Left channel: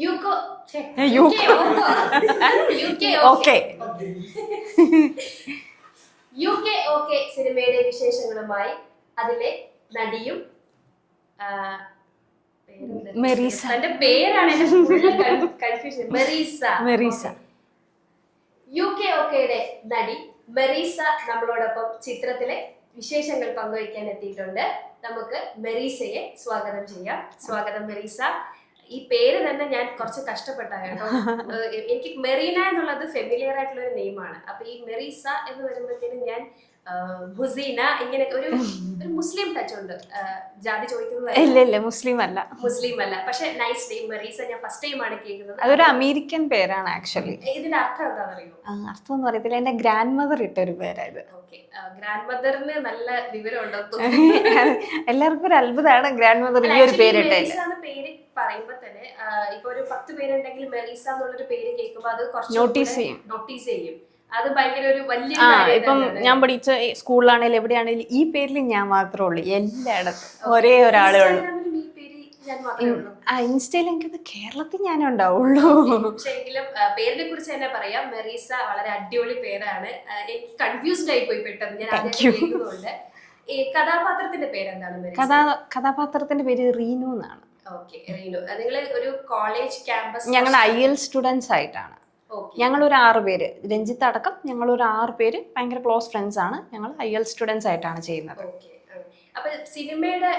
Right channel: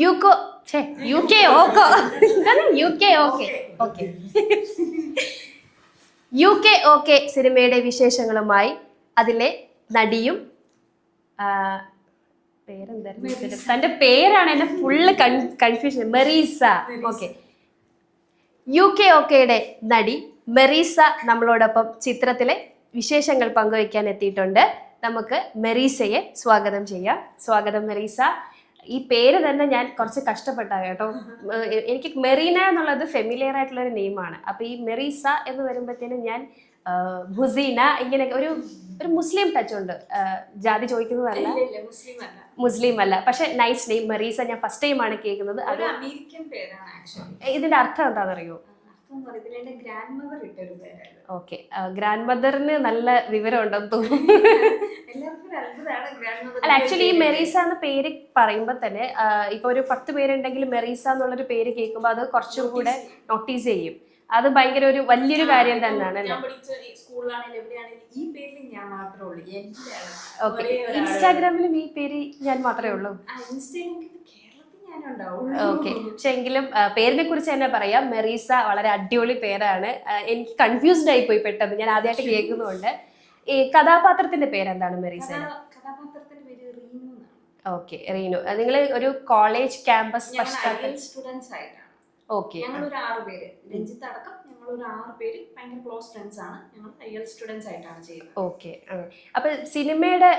UCO UK ഓക്കോ UK OK OK UK OK സിനിമയുടെ വിശേഷങ്ങളുമായി അതിലെ നടിയും തന്റെ പേരാണ് എന്റെ ഫുള്ള് കൺഫ്യൂഷൻ മെറീസ. യുകെ ഓക്കെയുടെ നടി മെറീസ നമ്മളോടൊപ്പം ചിത്രത്തിലെ വിശേഷങ്ങൾ പങ്കുവയ്ക്കാൻ എത്തിയിട്ടുണ്ട്. നമുക്ക് മെറീസയെ സ്വാഗതം ചെയ്യാം. സ്വാഗതം മെറീസ. ഈ പേര് തന്നെ ഞാൻ കുറച്ച് കഷ്ടപ്പെട്ട കേട്ടോ. എനിക്ക് മെറീന എന്നുള്ളത് ഫെമിലിയർ ആയിട്ടുള്ള ഒരു നെയിമാണ്. അപ്പൊ ഈ മെറീസ എന്ന് വരുമ്പോഴത്തേനും ഞാൻ ഹുസീന ഇങ്ങനെ ഒരു മുസ്ലിം ടച്ച് ഉണ്ട്. ജാതി ചോദിക്കുന്നത് ഇല്ല മുസ്ലിം അല്ല പക്ഷെ നൈസ് നെയിം മെറീസ. ഞാൻ ഫസ്റ്റ് ടൈം ആണ് കേൾക്കുന്നത്. അതൊരു അമേരിക്കൻ പേരാണ് ആക്ച്വലി. ഇതിന്റെ അർത്ഥം എന്താണെന്നറിയോ? അർത്ഥം എന്ന് പറയത്തില്ല, എന്റെ ഗ്രാൻഡ് മദർ ഇട്ടൊരു പേരായത്. ഓക്കെ, ഗ്രാൻഡ് മദറിന് നല്ല വിവരം ഉണ്ടെന്ന് തോന്നുന്നു. എല്ലാവർക്കും ഒരു അത്ഭുതമാണ് ഗ്രാൻഡ് മദർ മെറീസ എന്ന പേര് പറയുമ്പോ തന്നെ ഇപ്പൊ ഒരു 10 പേരുണ്ടെങ്കിൽ മെറീസ എന്നുള്ളൊരു പേര് കേൾക്കുമ്പോ അത് കുറച്ച് നോട്ടീസ് ചെയ്യും. അത് ഭയങ്കര ഒരു വലിയൊരു കാര്യം. ഞാൻ പഠിച്ച സ്കൂളിലാണെങ്കിലും എവിടെയാണെങ്കിലും ഈ പേരിൽ ഞാൻ മാത്രമേ ഉള്ളൂ. എല്ലായിടത്തും ഒരേ ഒരാളെ ഇൻസ്റ്റാഗ്രാമിലും ഈ പേര് ഞാൻ മാത്രമേ ഉള്ളൂ. ഇൻസ്റ്റയിൽ എനിക്ക് കേരളത്തിൽ ഞാനേ ഉണ്ടാവുള്ളൂ. പക്ഷെ എങ്കിലും പേരിനെ കുറിച്ച് തന്നെ പറയാം. മെറീസ വളരെ അടിപൊളി പേരാണ്. എനിക്ക് കൺഫ്യൂസ്ഡ് ആയി പോയി പെട്ടെന്ന്, ഞാൻ ആദ്യമായിട്ട് കേൾക്കുന്നുണ്ട്. ഈ കഥാപാത്രത്തിന്റെ പേരെന്താണ്? കഥാപാത്രത്തിന്റെ പേര് റീനു എന്നാണ്. ഓക്കെ, റീനു. നിങ്ങൾ ഒരു കോളേജ് ക്യാമ്പസ്, ഞങ്ങൾ IELTS സ്റ്റുഡൻസ് ആയിട്ടാണ്. ഞങ്ങൾ ഒരു 6 പേര്, രഞ്ജിത്ത് അടക്കം ഞങ്ങൾ ഒരു 6 പേര് ഭയങ്കര ക്ലോസ് ഫ്രണ്ട്സ് ആണ്. ഞങ്ങൾ IELTS സ്റ്റുഡൻസ് ആയിട്ടാണ് ചെയ്യുന്നത്. ഓക്കെ. അപ്പൊ സിനിമയുടെ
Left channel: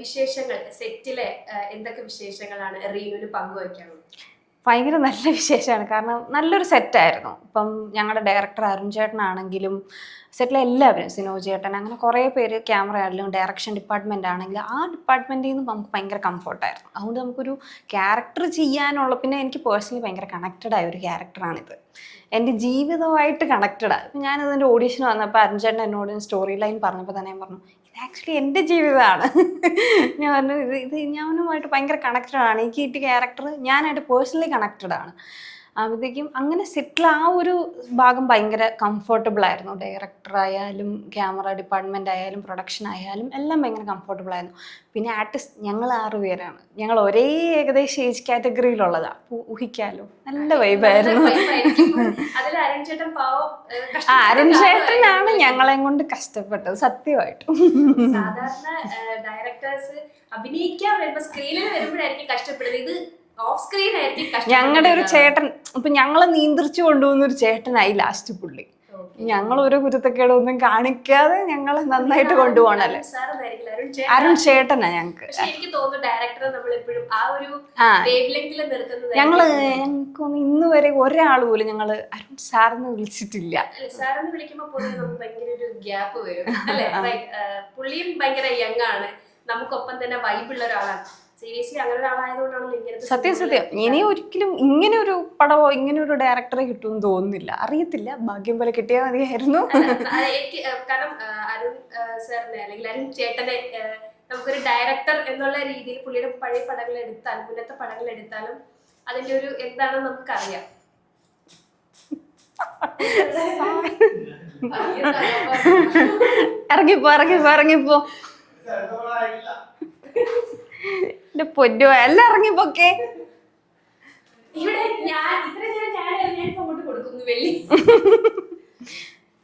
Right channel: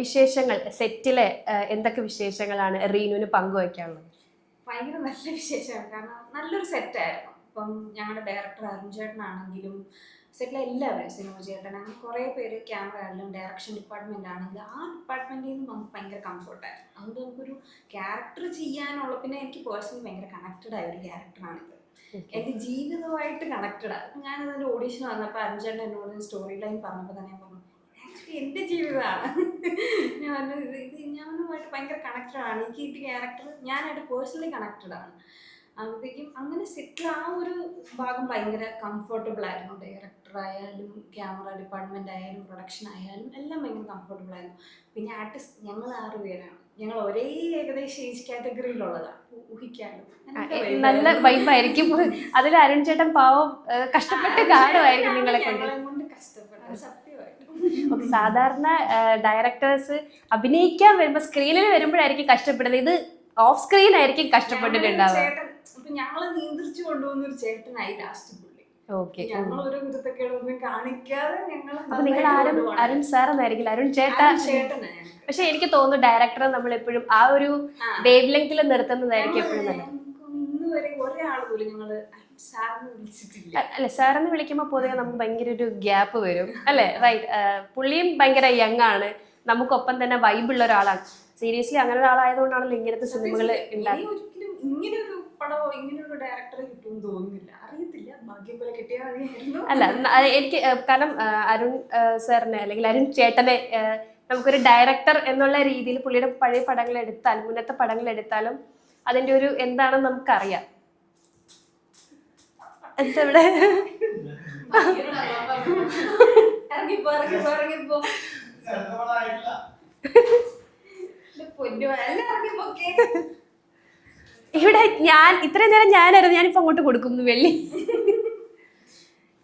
വിശേഷങ്ങൾ, സെറ്റിലെ എന്തൊക്കെ വിശേഷങ്ങളാണ് റീനുവിന് പങ്കുവയ്ക്കാനുള്ളത്? ഭയങ്കര നല്ല വിശേഷമാണ്. കാരണം നല്ലൊരു സെറ്റായിരുന്നു. ഇപ്പം ഞങ്ങളുടെ ഡയറക്ടർ അരുൺ ചേട്ടനാണെങ്കിലും സെറ്റിലെ എല്ലാവരും, സിനോജ് ചേട്ടൻ, അങ്ങനെ കുറേ പേര്, ക്യാമറ ആണെങ്കിലും ഡയറക്ഷൻ ഡിപ്പാർട്ട്മെന്റ് ആണെങ്കിലും ആ ഡിപ്പാർട്ട്മെന്റിൽ നിന്ന് നമുക്ക് ഭയങ്കര കംഫർട്ടായിരുന്നു. അതുകൊണ്ട് നമുക്കൊരു ക്യാരക്ടർ ചെയ്യാനുള്ള, പിന്നെ എനിക്ക് പേഴ്സണലി ഭയങ്കര കണക്റ്റഡ് ആയ ഒരു ക്യാരക്ടറാണിത്. എൻ്റെ ജീവിതമായിട്ട് കണക്റ്റഡാണ്. ഇപ്പം ഞാനിതിൻ്റെ ഓഡീഷൻ വന്നപ്പോൾ അരുൺ ചേട്ടൻ എന്നോട് സ്റ്റോറി ലൈൻ പറഞ്ഞപ്പോൾ തന്നെ ഞാൻ പറഞ്ഞു, ഇത് ആക്ച്വലി എൻ്റെ ജീവിതമാണ്. ഞാൻ പറഞ്ഞു ഇത് ഞാനുമായിട്ട് ഭയങ്കര കണക്റ്റഡാണ്. എനിക്ക് കിട്ടിയ ക്യാരക്ടർ ഞാനായിട്ട് പേഴ്സണലി കണക്റ്റഡാണ്. അപ്പോഴത്തേക്കും അങ്ങനെ സെറ്റിൽ ആ ഒരു ഭാഗം ഭയങ്കര കംഫർട്ടബിൾ ആയിരുന്നു. ഡയറക്ടർ ആയാലും ക്യാമറ ഡിപ്പാർട്ട്മെന്റ് ആയാലും പ്രൊഡക്ഷൻ ആയാലും എല്ലാം ഭയങ്കര കംഫർട്ടബിൾ ആയിരുന്നു. പിന്നെ ആർട്ടിസ്റ്റ് ഞങ്ങൾ 6 പേരാണ്. ഞങ്ങൾ ഒരേ ഏകദേശം ഏജ് കാറ്റഗറിയിലുള്ളതാ. ഊഹിക്കാലോ, നല്ല വൈബായിരുന്നു. അതിൽ അരുൺ ചേട്ടൻ പാവം, അരുൺ ചേട്ടനാണ് ഞങ്ങളെ കൊണ്ട് കഷ്ടപ്പെട്ടത് സത്യമായിട്ടും. സാധാരണ ഡയറക്ടേഴ്സ് അഭിനയിക്കാൻ വരുമ്പോ സ്ക്രീനിൽ വരുമ്പോഴായിരിക്കും കഷ്ടപ്പെടുന്നത്. ഇത് ഓഫ് സ്ക്രീൻ ആയിരിക്കും. ഞങ്ങളുടെ ഒരു ചേട്ടൻ, ഇപ്പൊ ഞങ്ങളെ നിയന്ത്രിച്ചു കൊണ്ടുപോകുന്ന ഒരു ചേട്ടനായി ലാസ്റ്റ് പുള്ളി. ഞങ്ങൾ ഒരു കുരുത്തക്കേടൊന്നും കാണിക്കാതെ ഞങ്ങളെ നന്നായിട്ട് കൊണ്ടുപോകണം. അരുൺ ചേട്ടനാ ഞങ്ങൾക്ക്. പക്ഷെ എനിക്ക് തോന്നുന്നു ഡയറക്ടർ നമ്മൾ എപ്പോഴും ആ ഒരു വേവ് ലെങ്തിൽ നിർത്തുന്നത്. ഞങ്ങൾക്കൊന്നും ഇന്ന് വരെ ഒരാൾ പോലും ഞങ്ങൾ അരുൺ സാറെന്ന് വിളിച്ചിട്ടില്ല. അല്ലെ, സാറെന്ന് വിളിക്കുമ്പോ പൊതുവെ നമുക്ക് ഭയങ്കര ഒരു ഗ്യാപ്പ് വരും അല്ലെ. പുള്ളിയും ഭയങ്കര യങ് ആണ്, നമുക്കൊപ്പം തന്നെ വൈബുള്ള ഒരാളാണ്. സീരിയസ്ലി അങ്ങനെ ഒരാളായതുകൊണ്ടാണല്ലോ ഇങ്ങനത്തെ സത്യം. ഇനി ഒരിക്കലും ഇങ്ങനെ ഒരു പടമോ ഇങ്ങനെ ഒരു ഡയറക്ടറെ കിട്ടുമെന്ന് തോന്നുന്നില്ല. അറിയത്തില്ല, ഭാഗ്യം പോലെ കിട്ടിയാൽ മതിയായിരുന്നു. അല്ല, എനിക്ക് കാരണം അരുൺ സാറിനെ അല്ലെങ്കിൽ അരുൺ ചേട്ടനെ നമുക്കൊരു ഡയറക്ടർ എന്നുള്ള രീതിയിൽ പുള്ളിയുടെ പഴയ പടങ്ങൾ എടുത്താലും മുന്നത്തെ പടങ്ങൾ എടുത്താലും അതിന്റെ ഒരു എന്താണെന്ന് നമുക്കറിയാം. ഇറങ്ങിപ്പോ പൊന്നോ, എല്ലാം ഇറങ്ങിപ്പോക്കെ. ഇവിടെ ഞാൻ ഇത്രയും നേരം ഞാനായിരുന്നു, ഞാനിപ്പോ അങ്ങോട്ട് കൊടുക്കുന്നു വെള്ളി.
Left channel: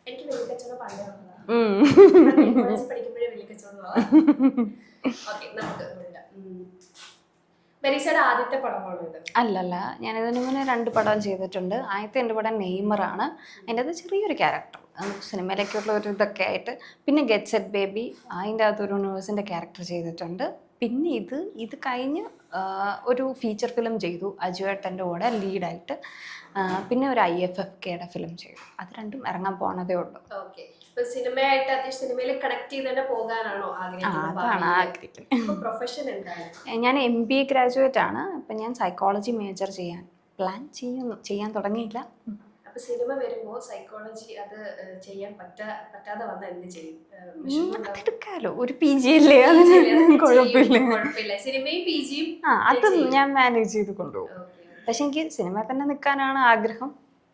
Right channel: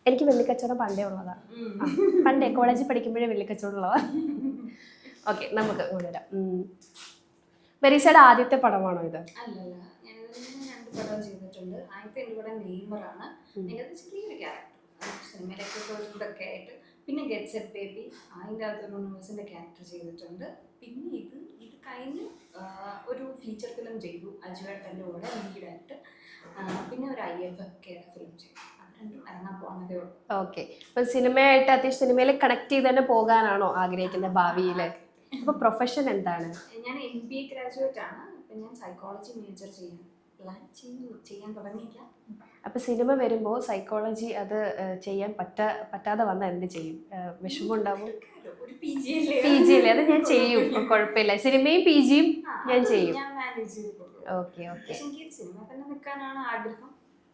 എനിക്ക് വെള്ളിക്കച്ചവടം പണ്ടേ ഉള്ളതാണ്. പണ്ടേ കോളേജിൽ പഠിക്കുമ്പോഴേ വെള്ളിക്കച്ചവടം ഉള്ളതാണ്. ഓക്കെ, നമുക്ക് വരാം. മെറീസയുടെ ആദ്യത്തെ പടമാണോ ഇത്? അല്ലല്ല, ഞാൻ ഇതിന് മുന്നേ 2 പടം ചെയ്തിട്ടുണ്ട്. ആദ്യത്തെ എൻ്റെ പടം നെയ്മറാണ്. അതിൻ്റെ അത് ചെറിയൊരു ക്യാരക്ടർ, സിനിമയിലൊക്കെയുള്ള ഒരു ഇതൊക്കെ ആയിട്ട്. പിന്നെ ഗെറ്റ് സെറ്റ് ബേബി, അതിൻ്റെ അകത്തൊരു നേഴ്സിൻ്റെ ക്യാരക്ടർ ചെയ്തിട്ടുണ്ട്. പിന്നെ ഇത് കഴിഞ്ഞ് ഒരു ഫീച്ചർ ഫിലിം ചെയ്തു അജുവേട്ടൻ്റെ കൂടെ ലീഡായിട്ട്. പിന്നെ ഒരു IFFKയുടെ ഫിലിം ചെയ്തു. അത് 2ഉം ഇറങ്ങാൻ പോണതേ ഉള്ളൂ. ഓക്കെ, ഇപ്പൊ സിനിമയായിട്ട് അത്യാവശ്യം സിനിമയിൽ കണക്ട് ചെയ്ത് തന്നെ പോകാനാണോ ആഗ്രഹിക്കുന്നത്? പ്രൊഫഷൻ എന്താണ്? ഞാൻ MBA ഗ്രാജുവേറ്റ് ആണ്. അപ്പം ഞാൻ സൈക്കോളജി മേജർ ചെയ്യാൻ തുടങ്ങിയില്ല. അപ്പൊ സിനിമ വരുമ്പോ സൈക്കോളജി അത് ചെയ്യാൻ പറ്റാതെ വന്നാൽ എന്ത് ചെയ്യും? വിഷമമുണ്ടാവും. ഒരു PG അല്ലേ, കുഴപ്പമില്ല. സിനിമയും PGയും ഞാൻ മാനേജ് ചെയ്ത് കൊണ്ടുപോകും. പക്ഷെ എനിക്ക് സിനിമ തന്നെ നിൽക്കാനാണ് ആഗ്രഹം.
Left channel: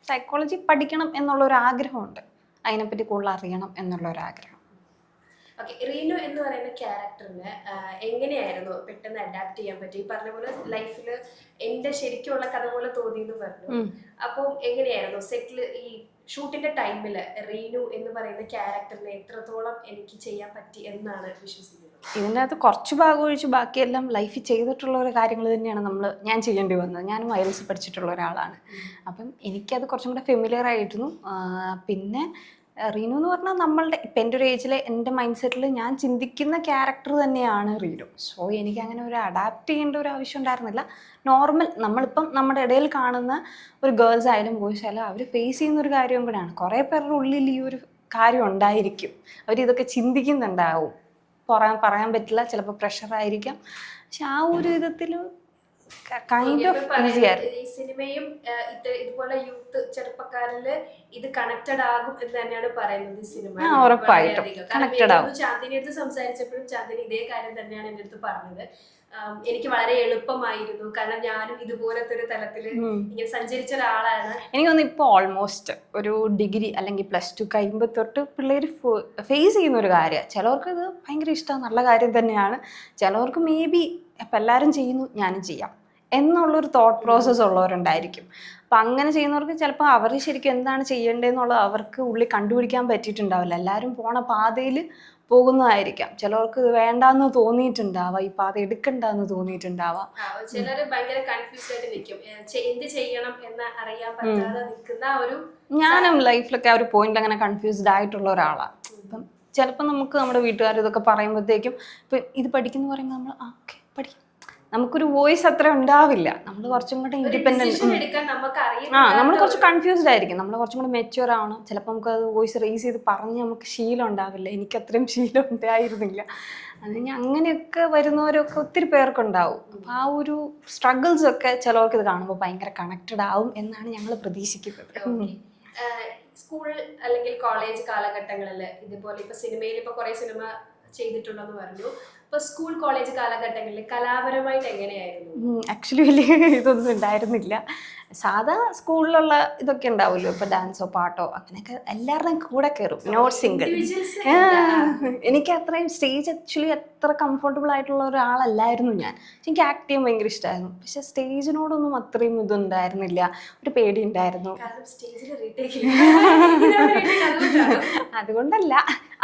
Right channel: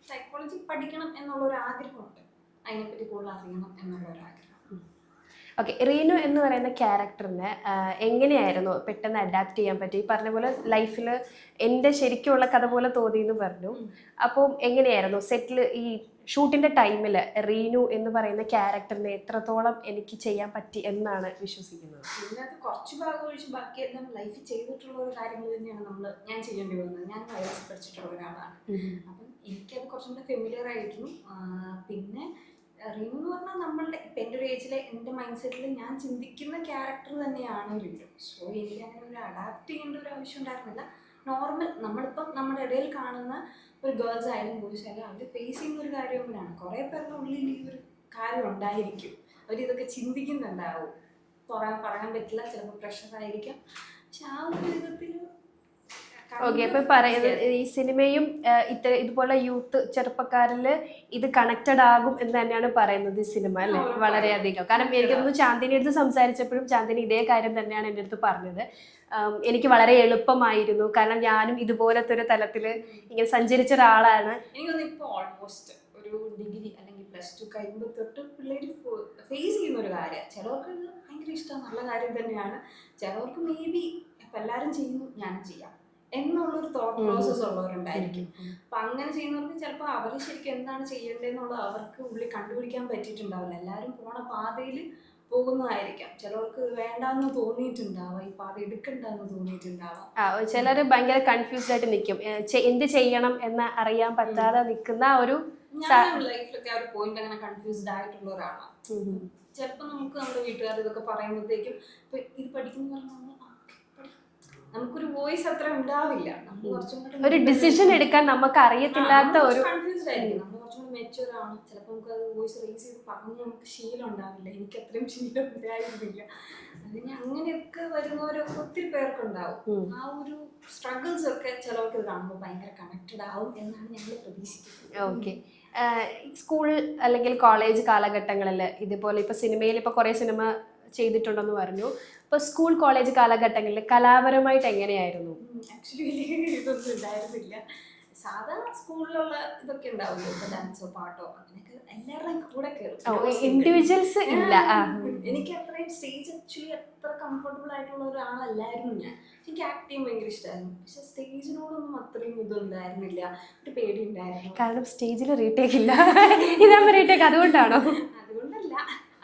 സൈക്കോളജി പഠിക്കണം എന്നുള്ളൊരു ആഗ്രഹമുണ്ട്. അതിനെപ്പറ്റി കൂടുതൽ അറിയണം എന്നുള്ളൊരാഗ്രഹം. ഓക്കെ, റീനു എന്ന് പറയുന്ന ക്യാരക്ടറിന് എങ്ങനെയായിരുന്നു പെട്ടെന്ന് അഡാപ്റ്റ് ചെയ്യാൻ പറ്റി? ഈ പറഞ്ഞ പോലെ ലൈഫിൽ എന്റെ ശരിക്കുള്ള കഥ പോലെ തോന്നി എന്ന് പറഞ്ഞു. അപ്പോൾ എങ്ങനെയായിരുന്നു സെറ്റിൽ ഈ ഷൂട്ടിന്റെ ടൈമില് റീനു എന്ന് പറയുന്ന ക്യാരക്ടറിനെ എത്രത്തോളം എനിക്ക് ചെയ്യാൻ പറ്റി എന്നാണ് വിശ്വസിക്കുന്നത്? ഇതിനകത്ത് കുറച്ച് ഭാഗം ഒഴിച്ച് ബാക്കിയെല്ലാം ലൈഫിൽ ചെയ്തിട്ടുള്ള ഒരു കാര്യങ്ങൾ തന്നെയാണ് ഞാൻ ചെയ്യേണ്ടി വന്നത്. ഞാനും വയലൻസ് പഠിച്ചിട്ടുള്ള ഒരാളാണ്. അപ്പം എനിക്കത് കുറച്ചും കൂടെ ഫെമിലിയർ ആയിരുന്നു. പിന്നെ റീനു എന്ന് പറഞ്ഞാൽ നമ്മളുടെ ഇപ്പം എൻ്റെ ഒരു ഏജിൽ എൻ്റെ മൈൻഡ് സെറ്റിൽ ഞാൻ ചിന്തിക്കുന്ന ക്യാരക്ടർ തന്നെയാണ് റീനു. സോ എനിക്ക് അങ്ങനെ ഒരു അഡാപ്റ്റ് ചെയ്യേണ്ട ഒരു ആവശ്യം ഉണ്ടായിരുന്നില്ല. നോർമൽ നമ്മളിപ്പം നമ്മുടെ ഇടയിൽ കാണുന്ന ഒരു ഗേൾസ് ആയാലും ബോയ്സ് ആയാലും അവർ ഫേസ് ചെയ്യുന്ന ഒരു കാര്യം കൂടെയാണ്. കുറേ പേരുടെ ഉള്ളിൽ ഈ ഒരു കാര്യം ഉണ്ടായിരിക്കും, അവരിതൊക്കെ ചിന്തിക്കുന്നുണ്ടാവും. പറയാൻ പറ്റില്ല, ചിലപ്പോൾ പ്രഷറായിരിക്കാം. പക്ഷെ ആ ഒരു വിധത്തിൽ ഈ സിനിമയും ഇതുപോലെ യൂത്ത് ചെറുപ്പക്കാരില് ഇത് കണക്റ്റഡ് ആകും എന്ന് തന്നെയാണ് പറയുന്നത് ഈ സിനിമ. വളരെയധികം. കാരണം ചാന്ദിനി അടുത്ത് സംസാരിച്ചപ്പോഴും ചാന്ദിനി ഇതേ കാര്യം തന്നെയാണ് എൻ്റെ അടുത്ത് പറഞ്ഞത്. എനിക്ക് വളരെ എളുപ്പമായിരുന്നു, കാരണം ഞാനും ഇതുപോലത്തെ ഒരു തലത്തില് ഇങ്ങനെ സഞ്ചരിച്ച ഒരാളാണ്. എനിക്ക് തോന്നുന്നു ഇപ്പോൾ ഓൾമോസ്റ്റ് ഒരു ഡിഗ്രി അല്ലെങ്കിൽ +2 കഴിയുമ്പോൾ തൊട്ട് പിള്ളേർ ഫേസ് ചെയ്യുന്ന ഒരു കാര്യമാണ്. ചിലവർക്ക് ഇത് ഭയങ്കര ഇഷ്ടമാണ്, നല്ല കാര്യം തന്നെയാണ്. ചിലവർക്ക് മേ ബി ഇപ്പം എല്ലാവരും ചെയ്യുന്നു ഞാനും ചെയ്യാം എന്നുള്ളൊരു തോട്ട് പ്രോസസ്സ് ഉള്ളവരുണ്ടായിരിക്കും. അപ്പം അങ്ങനെ ചെയ്യുന്നവർക്ക് ചിലപ്പോൾ അവർ ശരിക്കും എന്താണ് ചെയ്യേണ്ടതെന്നുള്ളത് അവർക്ക് ഉള്ളിൽ കണ്ടുപിടിക്കാൻ പറ്റിയിട്ടുണ്ടാവില്ല. എല്ലാവരും പോണ പാതയിൽ പോകുന്നതായിരിക്കാം. ചിലവർക്ക് ഇത് വേണ്ടാന്ന് തോന്നിയിട്ടുണ്ടാവാം, ഈ പാത എടുക്കണ്ടെന്ന് തോന്നിയിട്ടുണ്ടാവാം. ചിലർ ഭയങ്കര കൺഫ്യൂസ്ഡ് ആയിട്ട് നിൽക്കും, എന്ത് ചെയ്യണം എന്ന് അറിയാൻ പറ്റാതെ നിൽക്കുന്ന ഒരു. ഞാനും ലൈഫിലൊക്കെ ആ ഒരു പോയിന്റ് അങ്ങനെ കൺഫ്യൂസ്ഡ് ആയിട്ടുള്ള ഒരാളാണ്. അപ്പം ചിലപ്പോൾ നമുക്ക് നമ്മുടെ വീട്ടുകാർ ഇതൊക്കെ പറയുമ്പോഴത്തേക്കും ഇപ്പം ഇത് പഠിക്കുന്നു പറയുമ്പോൾ നമ്മൾ ഓക്കെ പഠിക്കും, നമുക്കൊരു വോയിസ് അത്ര ഉണ്ടാവില്ല. നമ്മൾ കുറച്ചും കൂടെ ഒരു ഡിസിഷൻ എടുക്കാൻ നമുക്ക് നമ്മൾ കുറച്ച് കൺഫ്യൂസ്ഡ് ആയിരിക്കും. നമ്മൾ കുറച്ചും കൂടെ മെച്യൂർ ആവണം. ചിലപ്പോൾ നമുക്ക് അത് വോയിസ് റേസ് ചെയ്ത് പറഞ്ഞ് നമുക്ക് ശീലം ഉണ്ടാവില്ല. എനിക്ക് അത്രയും ശീലം ഉണ്ടായിരുന്നില്ല. അത് അങ്ങനെയൊക്കെ വരുന്നവരൊക്കെ ഒത്തിരി പേർക്കുണ്ടാവും. ആ ഒരു സ്ട്രഗിൾസ് ഒക്കെ ചിലവർക്ക് ഇത് കാണുമ്പോൾ ഭയങ്കര കണക്റ്റഡ് ആവും എന്നാണ് ഞങ്ങൾ പ്രതീക്ഷിക്കുന്നത്. ഓക്കെ, സ്കൂൾ അല്ലെങ്കിൽ കോളേജ് കാലഘട്ടങ്ങളിൽ ഇതുപോലെ ഇപ്പൊ സിനിമയിൽ ഇപ്പൊ കുറെ സിനിമ ചെയ്തിട്ടുണ്ടെന്ന് പറഞ്ഞു. ഇപ്പൊ സ്കൂൾ കോളേജ് കാലഘട്ടങ്ങളിൽ കലാപരമായിട്ട് എങ്ങനെയായിരുന്നു? ആക്ച്വലി വലിയ ഇതൊന്നും ഉണ്ടായിരുന്നില്ല. സാധാ സ്കൂളിലുള്ള ഇതൊക്കെ ഉണ്ടാവുമല്ലോ, ഇപ്പൊ ഡാൻസോ പാട്ടോ അങ്ങനെയൊക്കെ എല്ലാവരുടെയും കൂടെ കയറും. എനിക്ക് അത്രയും സ്റ്റേജ് ആക്ച്വലി അത്ര കംഫർട്ടബിൾ ആയിട്ടുള്ള ഒരാളല്ലായിരുന്നു ഞാൻ. എനിക്ക് ആക്ട് ചെയ്യാൻ ഭയങ്കര ഇഷ്ടമായിരുന്നു. പക്ഷെ സ്റ്റേജിനോടൊന്നും അത്രയും ഇതുണ്ടായിരുന്നില്ല, ഒരു പേടി ഉണ്ടായിരുന്നു. കാരണം സ്റ്റേജിൽ റീടേക്ക് ഇല്ല. അതുകൊണ്ടല്ല,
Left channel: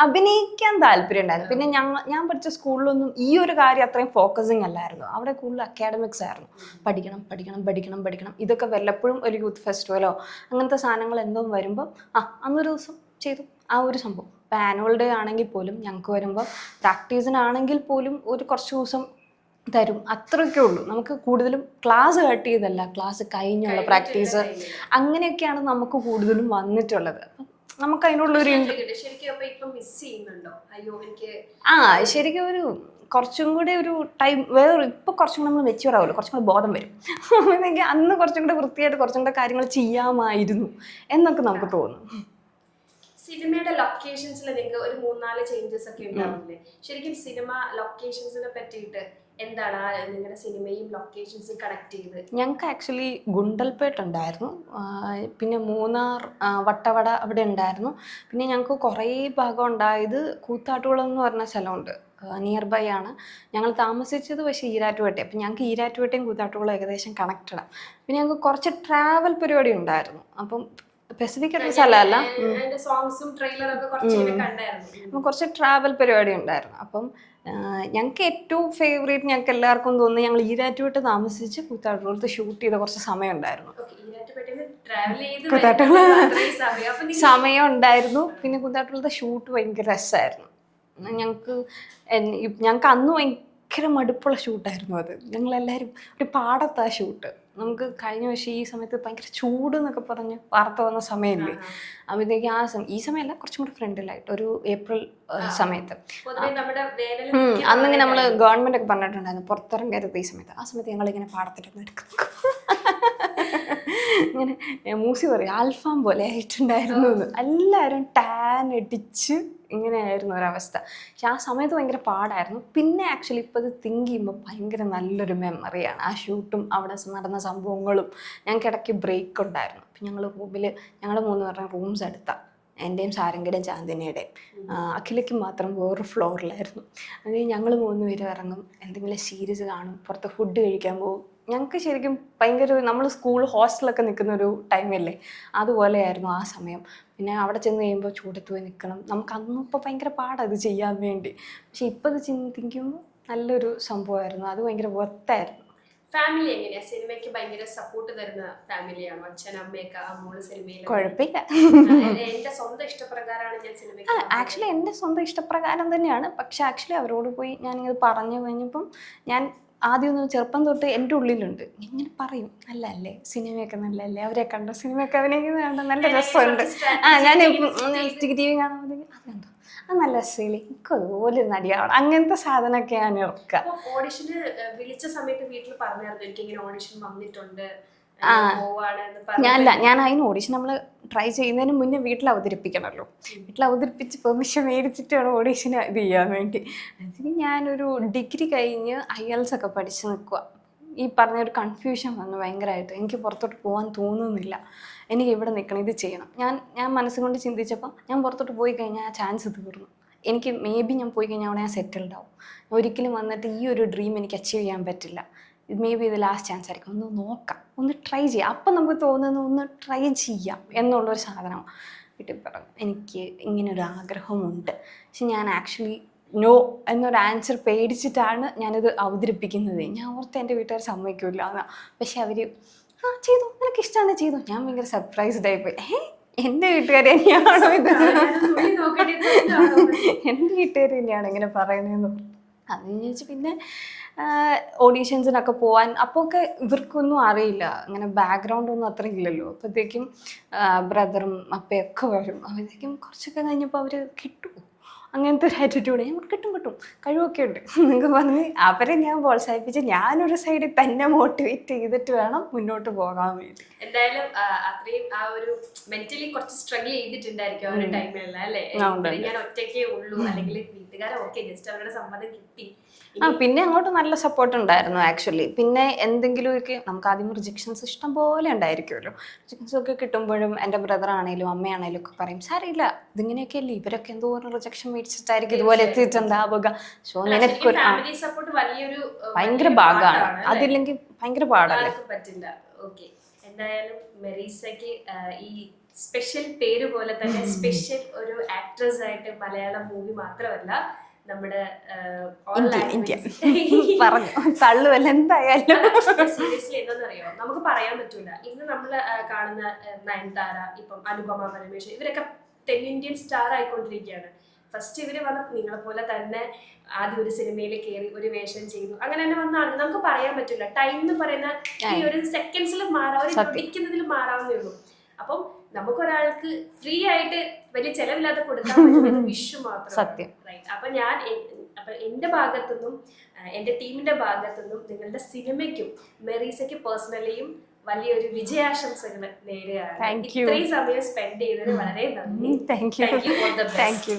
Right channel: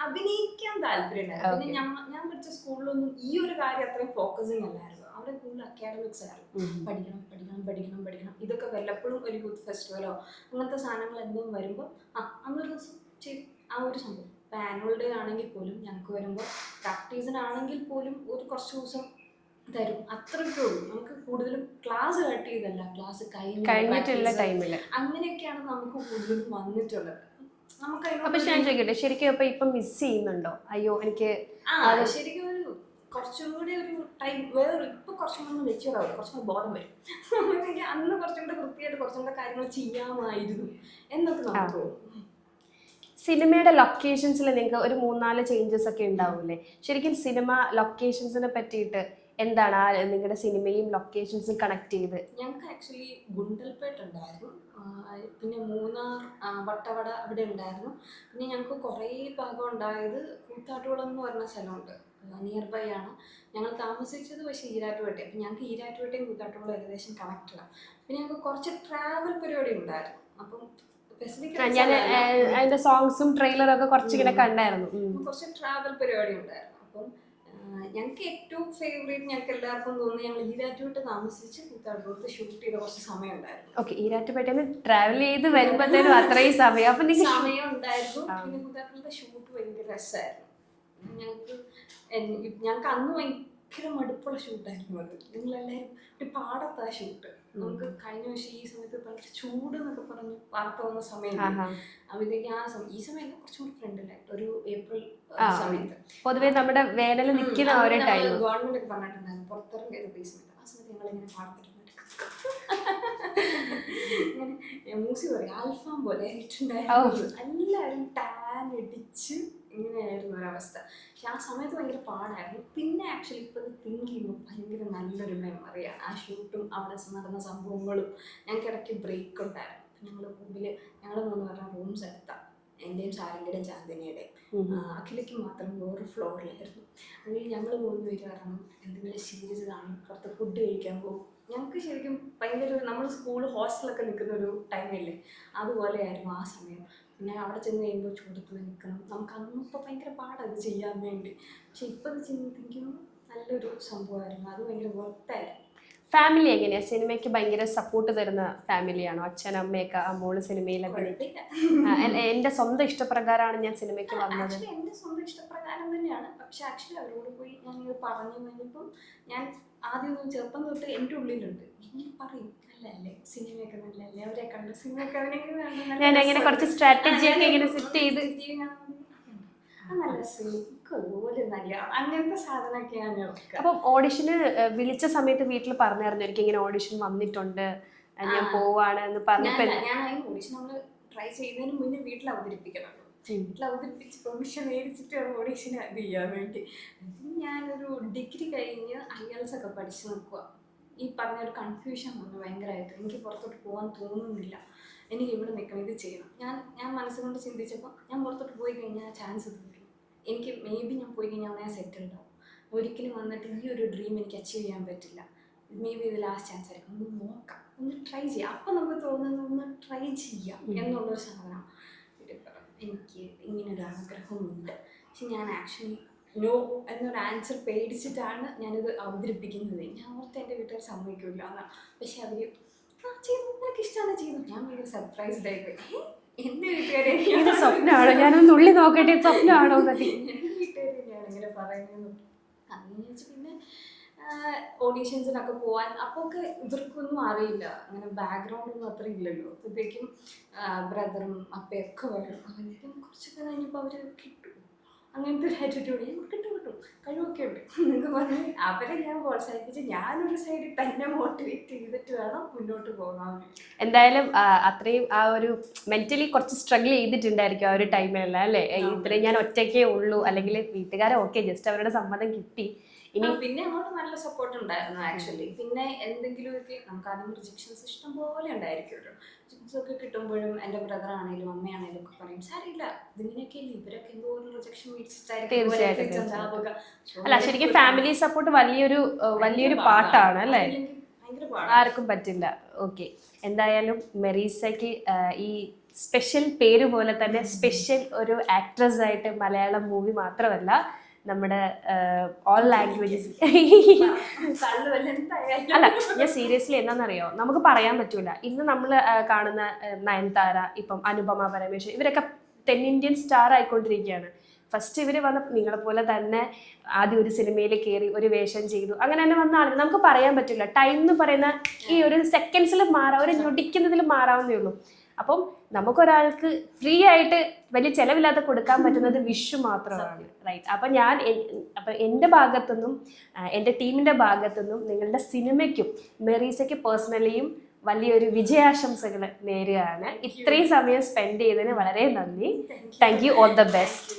അഭിനയിക്കാൻ താല്പര്യം ഉണ്ടായിരുന്നു. പിന്നെ ഞാൻ പഠിച്ച സ്കൂളിലൊന്നും ഈ ഒരു കാര്യം അത്രയും ഫോക്കസിങ് അല്ലായിരുന്നു. അവിടെ കൂടുതൽ അക്കാഡമിക്സ് ആയിരുന്നു. പഠിക്കണം പഠിക്കണം പഠിക്കണം പഠിക്കണം. ഇതൊക്കെ വല്ലപ്പോഴും ഒരു യൂത്ത് ഫെസ്റ്റിവലോ അങ്ങനത്തെ സാധനങ്ങൾ എന്തോ വരുമ്പോൾ അന്നൊരു ദിവസം ചെയ്തു ആ ഒരു സംഭവം. ഇപ്പം ആനുവൽ ഡേ ആണെങ്കിൽ പോലും ഞങ്ങൾക്ക് വരുമ്പോൾ പ്രാക്ടീസിനാണെങ്കിൽ പോലും ഒരു കുറച്ച് ദിവസം തരും, അത്രയൊക്കെ ഉള്ളൂ. നമുക്ക് കൂടുതലും ക്ലാസ് കട്ട് ചെയ്തല്ല, ക്ലാസ് കഴിഞ്ഞുള്ള പ്രാക്ടീസ് അങ്ങനെയൊക്കെയാണ് നമുക്ക് കൂടുതലും വന്നിട്ടുള്ളത്. നമുക്ക് അതിനുള്ളൊരു ശരിക്കും അപ്പൊ ഇപ്പൊ മിസ് ചെയ്യുന്നുണ്ടോ? അയ്യോ എനിക്ക് ശരിക്കും ഒരു കുറച്ചും കൂടെ ഒരു ടൈം വേറെ ഇപ്പൊ കുറച്ചും കൂടെ നമ്മൾ മെച്യൂർ ആവുമല്ലോ, കുറച്ചും കൂടെ ബോധം വരും. എനിക്ക് അന്ന് കുറച്ചും കൂടെ വൃത്തിയായിട്ട് കുറച്ചും കൂടെ കാര്യങ്ങൾ ചെയ്യാമായിരുന്നു എന്നൊക്കെ നമുക്ക് തോന്നും. സിനിമയുടെ ലൊക്കേഷൻസിൽ നിങ്ങൾക്ക് ഒരു 3-4 ചേഞ്ചസ് ഒക്കെ ഉണ്ടാവില്ലേ? ശരിക്കും സിനിമ ലൊക്കേഷൻസിനെ പറ്റിയിട്ട് എന്താണ് നിങ്ങളുടെ സിനിമയും ലൊക്കേഷൻസും കണക്ട് ചെയ്ത്? ഞങ്ങൾക്ക് ആക്ച്വലി ഗുണ്ടൽപേട്ട് ഉണ്ടായിരുന്നു, പിന്നെ മൂന്നാർ വട്ടവട അവിടെ ഉണ്ടായിരുന്നു. പിന്നെ ഞങ്ങൾക്ക് കുറേ ഭാഗം ഉണ്ടായത് കൂത്താട്ടുകുളം എന്ന് പറഞ്ഞ സ്ഥലമുണ്ട്, നിയർ ബൈ ആണ് ഞങ്ങൾ താമസിച്ചത്. പക്ഷേ ഈരാറ്റുപേട്ട. അപ്പം ഞങ്ങൾക്ക് ഈരാറ്റുപേട്ടയും കൂത്താട്ടുകുളം ഏകദേശം കണക്റ്റഡാണ്. പിന്നെ ഞങ്ങൾക്ക് കുറച്ച് ട്രാവൽ പരിപാടി ഉണ്ടായിരുന്നു. അപ്പം സ്പെസിഫിക് സ്ഥലമല്ല, അതിന്റെ സോങ്സും ട്രെയിലറും ഒക്കെ കുറച്ചിങ്ങനെ കണ്ടായിരുന്നു. കുറച്ച് ട്രാവൽ പരിപാടി ഉണ്ടായിരുന്നു. അപ്പം ഞങ്ങൾക്ക് ഏറ്റവും ഫേവറേറ്റ് ഞങ്ങൾക്ക് എല്ലാവർക്കും തോന്നുന്നു ഞങ്ങൾ ഈരാറ്റുപേട്ട താമസിച്ച് കൂത്താട്ടുകുളത്ത് ഷൂട്ട് ചെയ്ത കുറച്ച് സമയം ഉണ്ടായിരുന്നു. ഓക്കെ, ഈരാറ്റുപേട്ടയിൽ ട്രാവൽ ചെയ്ത് സമയം ഉണ്ടായിരുന്നു. പിന്നെ കൂത്താട്ടുകുളത്തെ ഷൂട്ട് ഭയങ്കര രസമായിരുന്നു. ഞങ്ങൾക്ക് അന്ന് ഭയങ്കര മടുപ്പുള്ള ഷൂട്ടായിരുന്നു അത്. ഞങ്ങളെല്ലാവരും ഒരു പാടത്താ ഷൂട്ട്. നമുക്ക് കഴിഞ്ഞ വർഷം ഈ സമയത്ത് ഭയങ്കര ചൂട് എന്നൊക്കെ പറഞ്ഞ് വാർത്ത വന്ന സമയമില്ലേ, അപ്പോഴത്തേക്ക് ഈ സമയമല്ല കുറച്ചും കൂടി ഫ്രണ്ടിലായിട്ട് ഒരു ഏപ്രിൽ സമയത്ത് പൊതുവെ നമ്മുടെ വേനൽ അന്നിങ്ങനെ നമ്മൾ ഗവൺമെന്റ് ഒക്കെ പറഞ്ഞിട്ടുണ്ടായിരുന്നു പുറത്തിറങ്ങരുത് ഈ സമയത്ത്. ആ സമയത്ത് ഞങ്ങളിങ്ങനെ പാടത്തിരുന്ന് ഇങ്ങനെ മൂസി പറയും ആൽഫാം പോലെ ആയിട്ടുണ്ടായിരുന്നു. എല്ലാവരും ടാൻ അടിച്ച് ഇങ്ങനെയായിരുന്നു ഒരവസ്ഥ. പക്ഷെ ആ സമയത്ത് ഭയങ്കര പാടായിരുന്നു. പിന്നെ ആക്ച്വലി ഇപ്പോൾ അത് തിങ്ക് ചെയ്യുമ്പോൾ ഭയങ്കര നല്ലൊരു മെമ്മറിയാണ് ആ ഷൂട്ടും അവിടെ നടന്ന സംഭവങ്ങളും. ഞങ്ങൾക്ക് ഇടയ്ക്ക് ബ്രേക്ക് ഉണ്ടായിരുന്നു. അപ്പം ഞങ്ങൾ റൂമിൽ ഞങ്ങൾ 3 പേരുടെ റൂംസ് എടുത്താൽ എൻ്റെയും സാരംഗയുടെയും ചാന്ദിനിയുടെയും. അഖിലയ്ക്ക് മാത്രം വേറൊരു ഫ്ലോറിലായിരുന്നു. അത് ഞങ്ങൾ 3 പേരും ഇറങ്ങും, എന്തെങ്കിലും സീരീസ് കാണും, പുറത്ത് ഫുഡ് കഴിക്കാൻ പോകും. ഞങ്ങൾക്ക് ശരിക്കും ഭയങ്കര നമ്മൾ സ്കൂൾ ഹോസ്റ്റലൊക്കെ നിൽക്കുന്ന ഒരു ടൈമല്ലേ, അതുപോലെയായിരുന്നു ആ സമയം. പിന്നെ അവിടെ ചെന്ന് കഴിയുമ്പോൾ ചൂടത്ത് പോയി നിൽക്കണം. നമുക്ക് അന്നും ഇപ്പോൾ ഭയങ്കര പാടത് ചെയ്യാൻ വേണ്ടി. പക്ഷെ ഇപ്പോൾ അത് ചിന്തിക്കുമ്പോൾ നല്ലൊരു സംഭവമായിരുന്നു. അത് ഭയങ്കര വർത്തായിരുന്നു. ഫാമിലി എങ്ങനെയാ? സിനിമയ്ക്ക് ഭയങ്കര സപ്പോർട്ട് തരുന്ന ഫാമിലിയാണോ? അച്ഛൻ അമ്മയൊക്കെ ആ മോള് സിനിമയിൽ? കുഴപ്പമില്ല. എന്റെ സ്വന്തം ഇഷ്ടപ്രകാരമാണ് ഞാൻ സിനിമയ്ക്ക് ആക്ച്വലി എൻ്റെ സ്വന്തം ഇഷ്ടപ്രകാരം തന്നെയാണ്. പക്ഷെ ആക്ച്വലി അവരോട് പോയി ഞാനിത് പറഞ്ഞു കഴിഞ്ഞപ്പം ഞാൻ ആദ്യം ഒന്ന് ചെറുപ്പം തൊട്ട് എൻ്റെ ഉള്ളിലുണ്ട്, ഇങ്ങനെ പറയും, നല്ലല്ലേ സിനിമയൊക്കെ, നല്ലല്ലേ അവരെ കണ്ട സിനിമയൊക്കെ അഭിനയിക്കുന്നത് നല്ല ഞാൻ ടി വി കാണുമ്പോഴത്തേക്കും അതെന്തോ അത് നല്ല രസമില്ലേ, എനിക്ക് അതുപോലെ നടിയാവണം, അങ്ങനത്തെ സാധനമൊക്കെ ഞാൻ ഇറക്കുക. അപ്പം ഓഡിഷന് വിളിച്ച സമയത്ത് വീട്ടിൽ പറഞ്ഞായിരുന്നു എനിക്ക് ഇങ്ങനെ ഓഡിഷൻ വന്നിട്ടുണ്ട് പോവാണ് എന്ന് പറഞ്ഞു? ഞാൻ അതിന് ഓഡിഷൻ നമ്മൾ ട്രൈ ചെയ്യുന്നതിന് മുന്നേ വീട്ടിൽ അവതരിപ്പിക്കണമല്ലോ. വീട്ടിൽ അവതരിപ്പിച്ച് പെർമിഷൻ മേടിച്ചിട്ട് വേണം ഓഡീഷന് ഇത് ചെയ്യാൻ വേണ്ടി. അതിന് ഞാനൊരു ഡിഗ്രി കഴിഞ്ഞ് IELTS ഒക്കെ പഠിച്ച് നിൽക്കുക. ഈ പറഞ്ഞൊരു കൺഫ്യൂഷൻ വന്നു ഭയങ്കരമായിട്ട്. എനിക്ക് പുറത്തോട്ട് പോകാൻ തോന്നുന്നില്ല, എനിക്ക് ഇവിടെ നിൽക്കണം, ഇത് ചെയ്യണം. ഞാൻ മനസ്സുകൊണ്ട് ചിന്തിച്ചപ്പോൾ ഞാൻ പുറത്തോട്ട് പോയി കഴിഞ്ഞാൽ ആ ചാൻസ് തീർന്നു. എനിക്ക് മേ ബി ഞാൻ പോയി കഴിഞ്ഞാൽ അവിടെ ഞാൻ സെറ്റിൽഡ് ആവും. ഒരിക്കലും വന്നിട്ട് ഈ ഒരു ഡ്രീം എനിക്ക് അച്ചീവ് ചെയ്യാൻ പറ്റില്ല. മേ ബി ഇത് ലാസ്റ്റ് ചാൻസ് ആയിരിക്കും, ഒന്ന് നോക്കാം, ഒന്ന് ട്രൈ ചെയ്യാം. അപ്പം നമുക്ക് തോന്നുന്നത് ഒന്ന് ട്രൈ ചെയ്യാം എന്നുള്ളൊരു സാധനമാണ്. വീട്ടിൽ പറഞ്ഞു എനിക്ക് ഇങ്ങനൊരു ആഗ്രഹമുണ്ട്, പക്ഷെ ഞാൻ ആക്ച്വലി നോ എന്നൊരു ആൻസർ പേടിച്ചിട്ടാണ് ഞാനിത് അവതരിപ്പിക്കുന്നത്. ഞാൻ ഓർത്ത് എൻ്റെ വീട്ടുകാർ സമ്മതിക്കില്ല എന്നാ. പക്ഷെ അവർ ചെയ്തു, നിനക്ക് ഇഷ്ടമാണ് ചെയ്തു. ഞാൻ ഭയങ്കര സർപ്രൈസ്ഡ് ആയിപ്പോയി. എൻ്റെ വീട്ടുകാർ തന്നെയാണോ എൻ്റെ വീട്ടുകാർ തന്നെയാണ് ഇങ്ങനെ പറയുന്നതെന്ന്. അതെന്ന് ചോദിച്ചാൽ പിന്നെ ഓഡീഷൻസിനൊക്കെ പോകാൻ അപ്പോൾ ഒക്കെ ഇവർക്കൊന്നും അറിയില്ല, അങ്ങനെ ബാക്ക്ഗ്രൗണ്ട് ഒന്നും അത്ര ഇല്ലല്ലോ. അപ്പോഴത്തേക്കും ബ്രദറും അപ്പയൊക്കെ വരും. അപ്പോഴത്തേക്കും കുറച്ചൊക്കെ കഴിഞ്ഞപ്പോൾ അവർ കിട്ടും, അങ്ങനത്തെ ഒരു ആറ്റിറ്റ്യൂഡ്. ഞാൻ കിട്ടും കഴിവൊക്കെ ഉണ്ട് എന്നൊക്കെ പറഞ്ഞ് അവരെ ഞാൻ പ്രോത്സാഹിപ്പിച്ച് ഞാനൊരു സൈഡിൽ തന്നെ മോട്ടിവേറ്റ് ചെയ്തിട്ട് വേണം മുന്നോട്ട് പോകാൻ വേണ്ടി. എന്തായാലും അത്രയും ആ ഒരു മെന്റലി കുറച്ച് സ്ട്രഗിൾ ചെയ്തിട്ടുണ്ടായിരിക്കും ആ ഒരു ടൈമിലല്ല അല്ലേ? ഞാൻ ഒറ്റയ്ക്കേ ഉള്ളൂ, അല്ലെങ്കിൽ വീട്ടുകാരെ ഓക്കെ ജസ്റ്റ് അവരുടെ സമ്മതം കിട്ടി. പിന്നെ അങ്ങോട്ട് നല്ല സപ്പോർട്ട് ഉണ്ടായിരുന്നു ആക്ച്വലി. പിന്നെ എന്തെങ്കിലുമൊക്കെ നമുക്ക് ആദ്യം റിജക്ഷൻസ് ഇഷ്ടം പോലെ ഉണ്ടായിരിക്കുമല്ലോ. റിജക്ഷൻസ് ഒക്കെ കിട്ടുമ്പോഴും എൻ്റെ ബ്രദർ ആണെങ്കിലും അമ്മയാണേലും ഒക്കെ പറയും, സാരില്ല ഇതിങ്ങനെയൊക്കെ അല്ലേ, ഇവരൊക്കെ എന്തോരം റിജക്ഷൻ മേടിച്ചിട്ടായിരിക്കും ഇതുപോലെ എത്തിയിട്ടുണ്ടാവുക. ഫാമിലി സപ്പോർട്ട് വലിയൊരു ഭയങ്കര ഭാഗമാണ്, അതില്ലെങ്കിൽ ഭയങ്കര പാടാണ്, ആർക്കും പറ്റില്ല. ഓക്കെ, എന്തായാലും മെറീസയ്ക്ക് ഈ സ്പെഷ്യൽ പേര് പോലെ തന്നെ സ്പെഷ്യൽ ഒരു ആക്ട്രസ് ആയിട്ട് മലയാളം മൂവി മാത്രമല്ല നമ്മുടെ ഓൾ ലാംഗ്വേജസ് തള്ളുവല്ല എന്തായാലും. സീരിയസ്ലി എന്താണെന്നറിയോ, നമുക്ക് പറയാൻ പറ്റൂല. ഇന്ന് നമ്മൾ കാണുന്ന നയൻതാര, ഇപ്പം അനുപമ പരമേശ്വരൻ, ഇവരൊക്കെ തെന്നിന്ത്യൻ സ്റ്റാർ ആയിക്കൊണ്ടിരിക്കുകയാണ്. ഫസ്റ്റ് ഇവര് വന്ന നിങ്ങളെ പോലെ തന്നെ ആദ്യം ഒരു സിനിമയിൽ കയറി ഒരു വേഷം ചെയ്തു, അങ്ങനെ തന്നെ വന്ന ആളുകൾ. നമുക്ക് പറയാൻ പറ്റില്ല, ടൈം എന്ന് പറയുന്ന ഈ ഒരു സെക്കൻഡ്സിൽ മാറാം, ഒരു ഞൊടിക്കുന്നതിൽ മാറാവുന്നേ ഉള്ളൂ. അപ്പം നമുക്കൊരാൾക്ക് ഫ്രീ ആയിട്ട് വലിയ ചെലവില്ലാതെ കൊടുക്കാൻ പറ്റുന്നത് വിഷു മാത്രം. സത്യം, റൈറ്റ്. അപ്പൊ എൻ്റെ ഭാഗത്തുനിന്നും എൻ്റെ ടീമിന്റെ ഭാഗത്തുനിന്നും നിങ്ങളുടെ സിനിമയ്ക്കും മെറീസയ്ക്ക് പേഴ്സണലിയും വലിയൊരു വിജയാശംസകൾ നേരുകയാണ്. ഇത്രയും സമയം സ്പെൻഡ് ചെയ്തതിന് വളരെ നന്ദി. Thank you. All the best.